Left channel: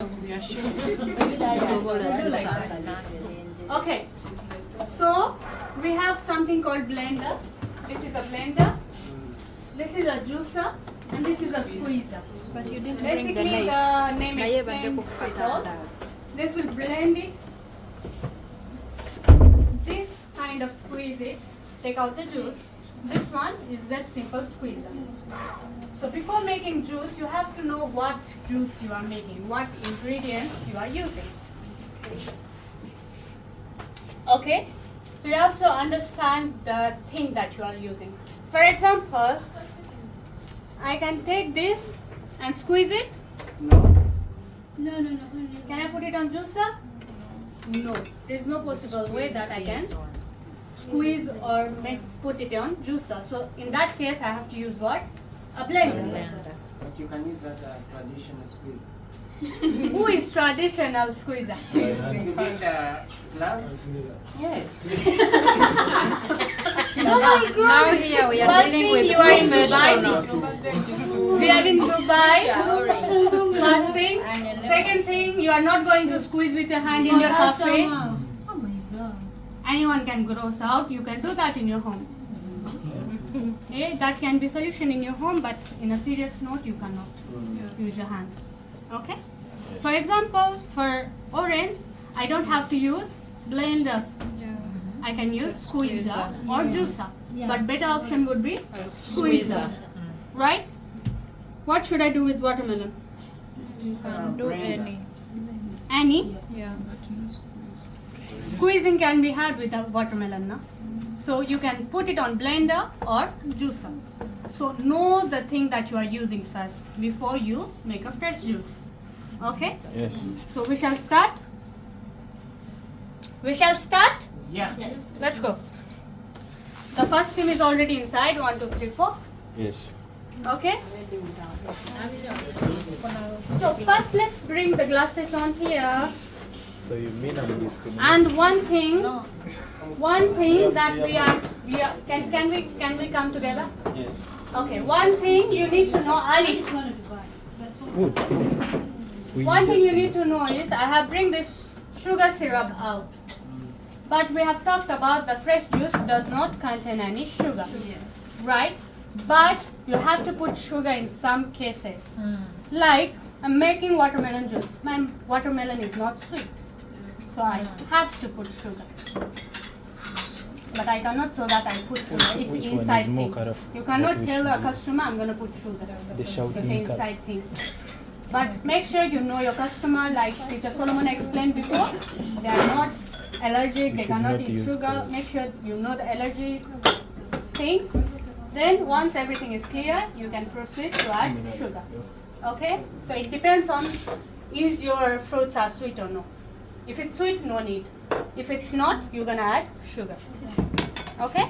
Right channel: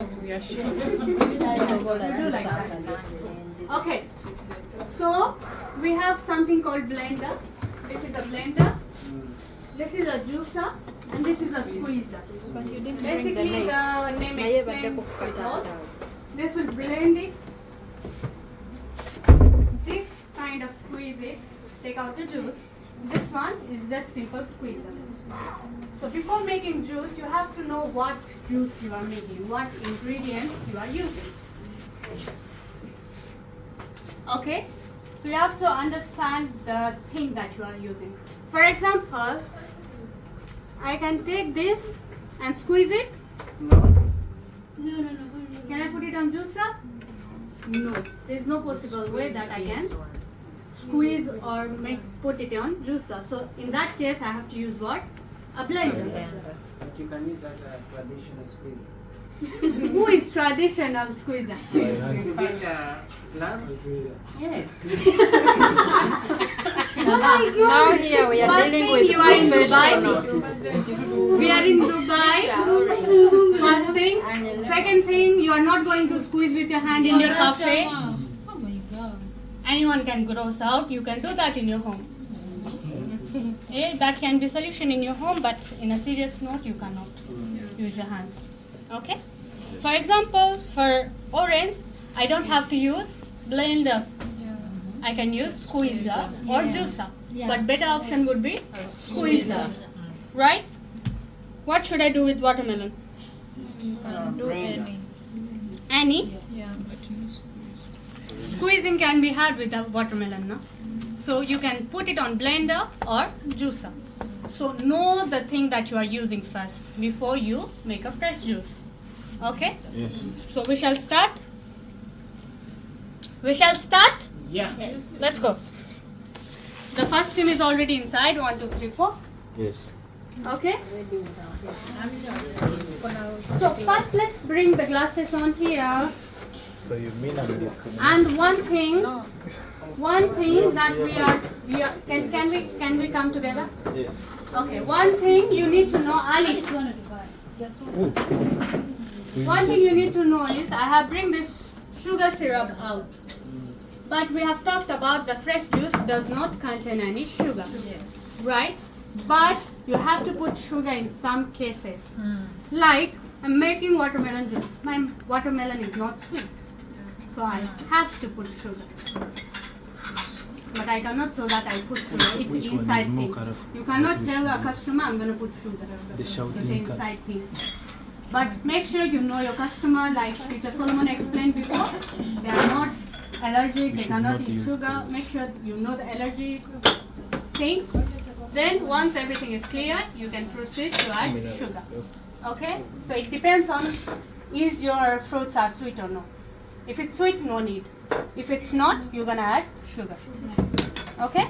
Okay, so we have something called blender. This is a blender, this is a juicer, and this is a squeezer. But you didn't Basically, bring the the name knife. explains it all. This will blend it. This kind of squeeze it, take out the juice. This one is just simple squeezer. So before making juice, you have to know what juice you are making, what ingredients you are using. Okay? So you have to understand the thing that you are using. For example, I can take this and squeeze it. No. Can I put it on juicer? No. There is no possible way that I can squeeze or put it on juicer. So in that case, I have to use what? A blender. But you can use a traditional squeezer. Who is traditional squeezer? You get glass? Yes. Oh my God. Now here we are First dealing thing, with you are in professional. Dubai. We are in Dubai. First thing. Second thing, you are not going to squeeze with your hand in your cafe. Oh my God. Anyone can gross out. You can do that in your home. That can be solution in your home, but in a serious note, you cannot use your hand. Okay? For example, for orange, I don't have to use blender. I can use squeezer or juicer. But better option would be squeezer. Right? What should I do with watermelon? Do any. Any? Yeah. Squeezing can be had with a watermelon, no? So you can put it on blender or juicer. So know the thing that you are using first before you make a fresh juice. Okay? Yes. So we shall start. We shall start. Yeah. Let's go. The first team is already inside. 1, 2, 3, 4. Yes. Okay? So first let's bring the glasses on here. So you mean I'm discriminating? And one thing that we are can we come together? Yes. Okay, one thing you need to know, Ali. One thing you need to know is I have bring this sugar syrup out. But we have talked about the fresh juice does not contain any sugar. Yes. Right? But you have to put sugar in some cases. Like I'm making watermelon juice. My watermelon is not sweet. So I have to put sugar. But I cannot so that I put sugar. It's Which one inside is more thing. kind of You cannot what we tell a should use? customer I'm going to put sugar. The It's shouting inside thing. But make sure you know your customer, like Mr. Solomon explained before. They are not allergic, they should cannot not eat use sugar. color. Make sure you know the allergy things. Then once everything is clear, you can proceed to add sugar. Okay? So it depends on is your fruits are sweet or not. If it's sweet, no need. If it's not, you're gonna add sugar. Okay?